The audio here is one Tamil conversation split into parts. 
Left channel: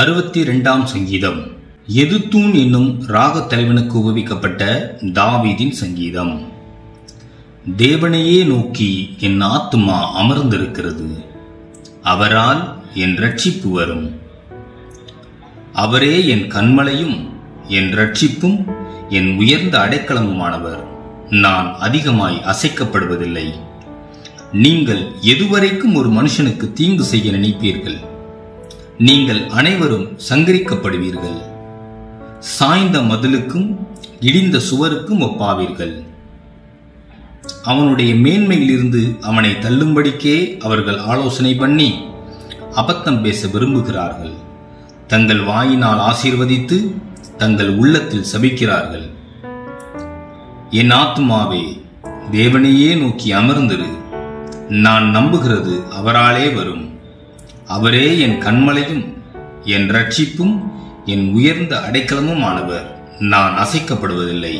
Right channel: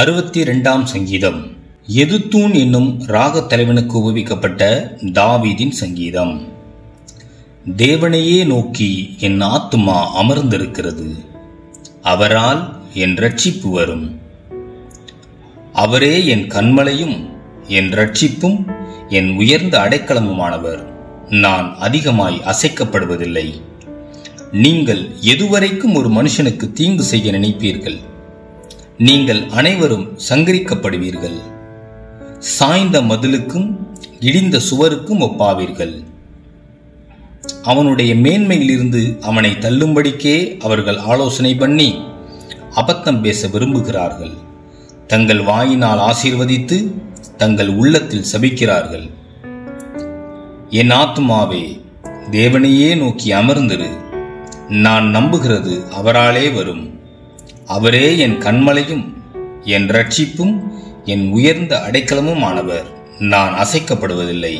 62ஆம் சங்கீதம். எதுத்தூன் என்னும் ராகத் தலைவனுக்கு உபயோகிக்கப்பட்ட தாவீதின் சங்கீதம். தேவனையே நோக்கி என் ஆத்துமா அமர்ந்திருக்கிறது, அவரால் என் இரட்சிப்பு வரும். அவரே என் கன்மலையும் என் இரட்சிப்பும் என் உயர்ந்த அடைக்கலமுமானவர். நான் அதிகமாய் அசைக்கப்படுவதில்லை. நீங்கள் எதுவரைக்கும் ஒரு மனுஷனுக்கு தீங்கு செய்ய நினைப்பீர்கள்? நீங்கள் அனைவரும் சங்கரிக்கப்படுவீர்கள். சாய்ந்த மதிலுக்கும் இடிந்த சுவருக்கும் ஒப்பாவீர்கள். அவனுடைய மேன்மையிலிருந்து அவனை தள்ளும்படிக்கே அவர்கள் ஆலோசனை பண்ணி அபத்தம் பேச விரும்புகிறார்கள். தங்கள் வாயினால் ஆசீர்வதித்து தங்கள் உள்ளத்தில் சபிக்கிறார்கள். என் ஆத்துமாவே, தேவனையே நோக்கி அமர்ந்திரு. நான் நம்புகிறது அவராலே வரும். அவரே என் கன்மலையும் என் இரட்சிப்பும் என் உயர்ந்த அடைக்கலமும் ஆனவர். நான் அசைக்கப்படுவதில்லை.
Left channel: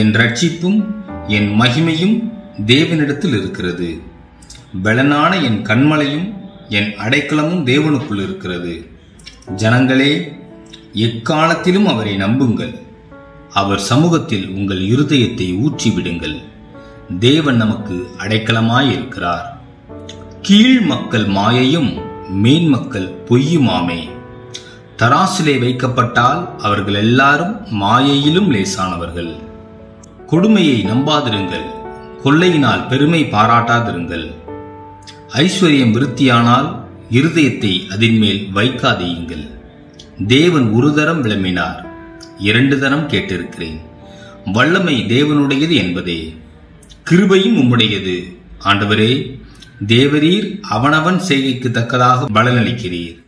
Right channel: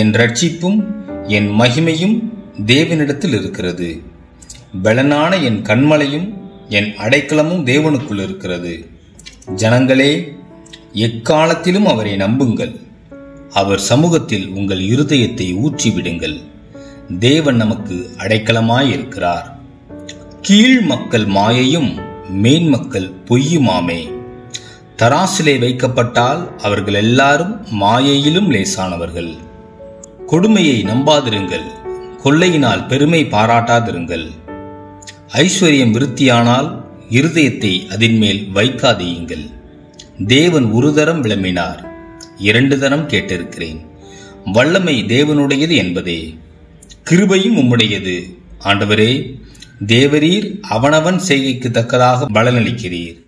என் இரட்சிப்பும் என் மகிமையும் தேவனிடத்தில் இருக்கிறது. பலனான என் கன்மலையும் என் அடைக்கலமும் தேவனுக்குள் இருக்கிறது. ஜனங்களே, எக்காலத்திலும் அவரை நம்புங்கள். அவர் சமூகத்தில் உங்கள் இருதயத்தை ஊற்றிவிடுங்கள். தேவன் நமக்கு அடைக்கலமாயிருக்கிறார். கீழ் மக்கள் மாயையும் மேன் மக்கள் பொய்யுமாமே. தராசிலே வைக்கப்பட்டால் அவர்கள் எல்லாரும் மாயையிலும் லேசானவர்கள். கொடுமையை நம்பாதிருங்கள், கொள்ளையினால் பெருமை பாராட்டாதிருங்கள். ஐஸ்வர்யம் விருத்தியானால் இருதயத்தை அதன் மேல் வைக்காதீயுங்கள். தேவன் ஒரு தரம் விளம்பினார், 2 தரம் கேட்டிருக்கிறேன். வல்லமை தேவனுடையது என்பதே, கிருபையும் உம்முடையது. ஆண்டவரே, தேவரீர் அவனவன் செய்கைக்கு தக்கதாக பலனளிக்கிறீர்.